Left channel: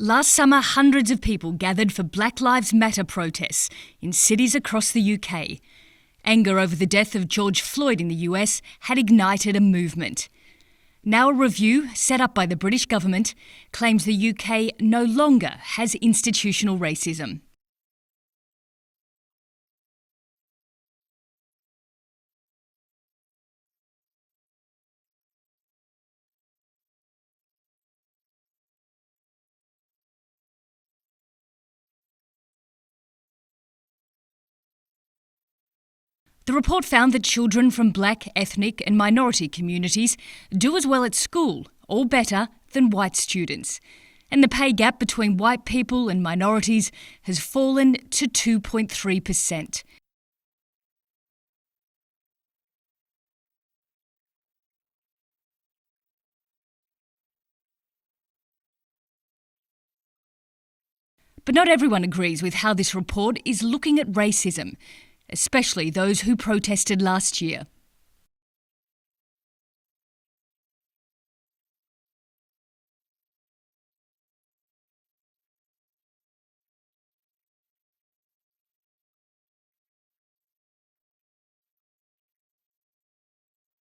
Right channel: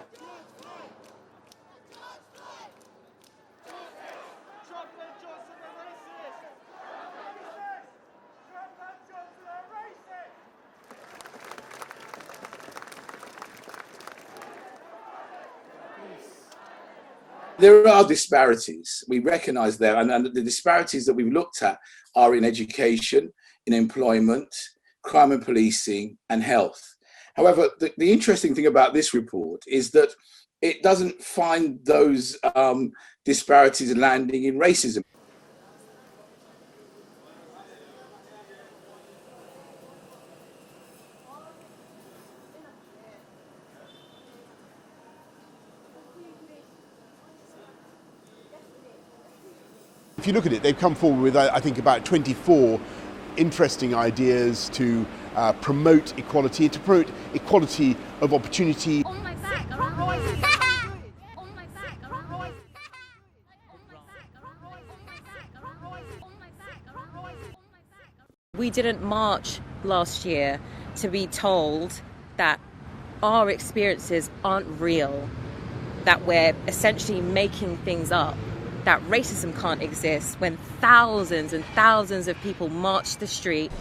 Last summer, hundreds of people gathered for Black Lives Matter protests in cities across the UK. Anger over the death of George Floyd in the US had ignited a movement. Now a review set up by the British government claims the UK no longer has institutional racism. There are disparities. We recognise that, and the disparities that we've looked at are in education, in employment, crime and policing, and health. However, the interesting thing about this report is that it doesn't find those disparities landing in racism. The report found that children from black, ethnic and minority communities do as well at school, or better, than white students. And the pay gap between white people and minorities has fallen to 2.3%. If you look at it, they've come forward with, I think, about 24 interesting ideas to promote equality, to promote equality of opportunity. But not everyone agrees with how this report is looking at racism, especially those who protested last year. We didn't march last year to be told that our experiences aren't real, that we're essentially making things up, that racism can't exist when thousands and thousands of people march the street.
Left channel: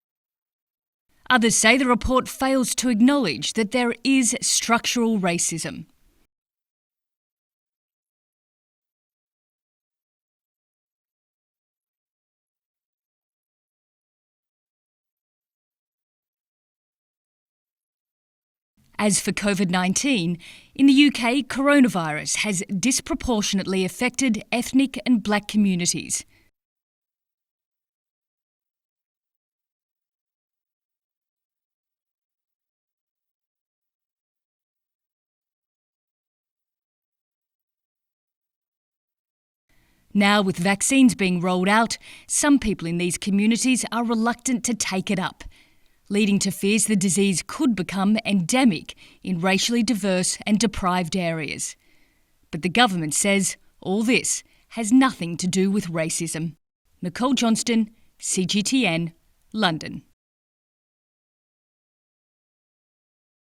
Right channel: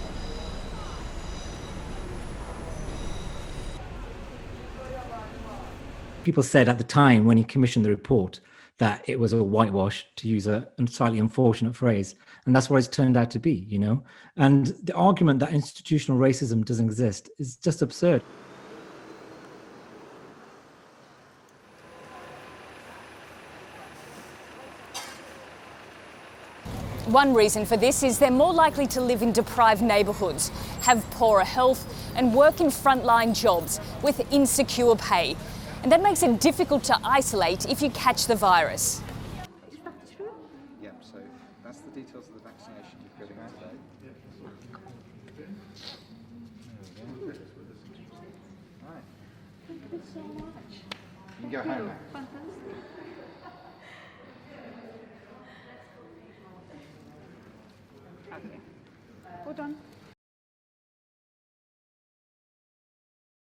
Others say the report fails to acknowledge that there is structural racism. People said at the time when he commissioned the report that it was a whitewash, to use a slightly unfortunate phrase. And that's what it's turned out to be, you know. And the argument that institutional racism doesn't exist is just absurd. As for COVID-19, in the UK, coronavirus has disproportionately affected ethnic and black communities. One reason for this is they're more likely to live in deprived neighbourhoods, have poorer health and work in frontline jobs with insecure pay. And that makes it difficult to isolate if you catch the virus. Now, with vaccines being rolled out, some people in these communities are reluctant to take it up, leading to fears the disease could become endemic in racially diverse and deprived areas. But the government says all this has nothing to do with racism. Nicole Johnston, CGTN, London.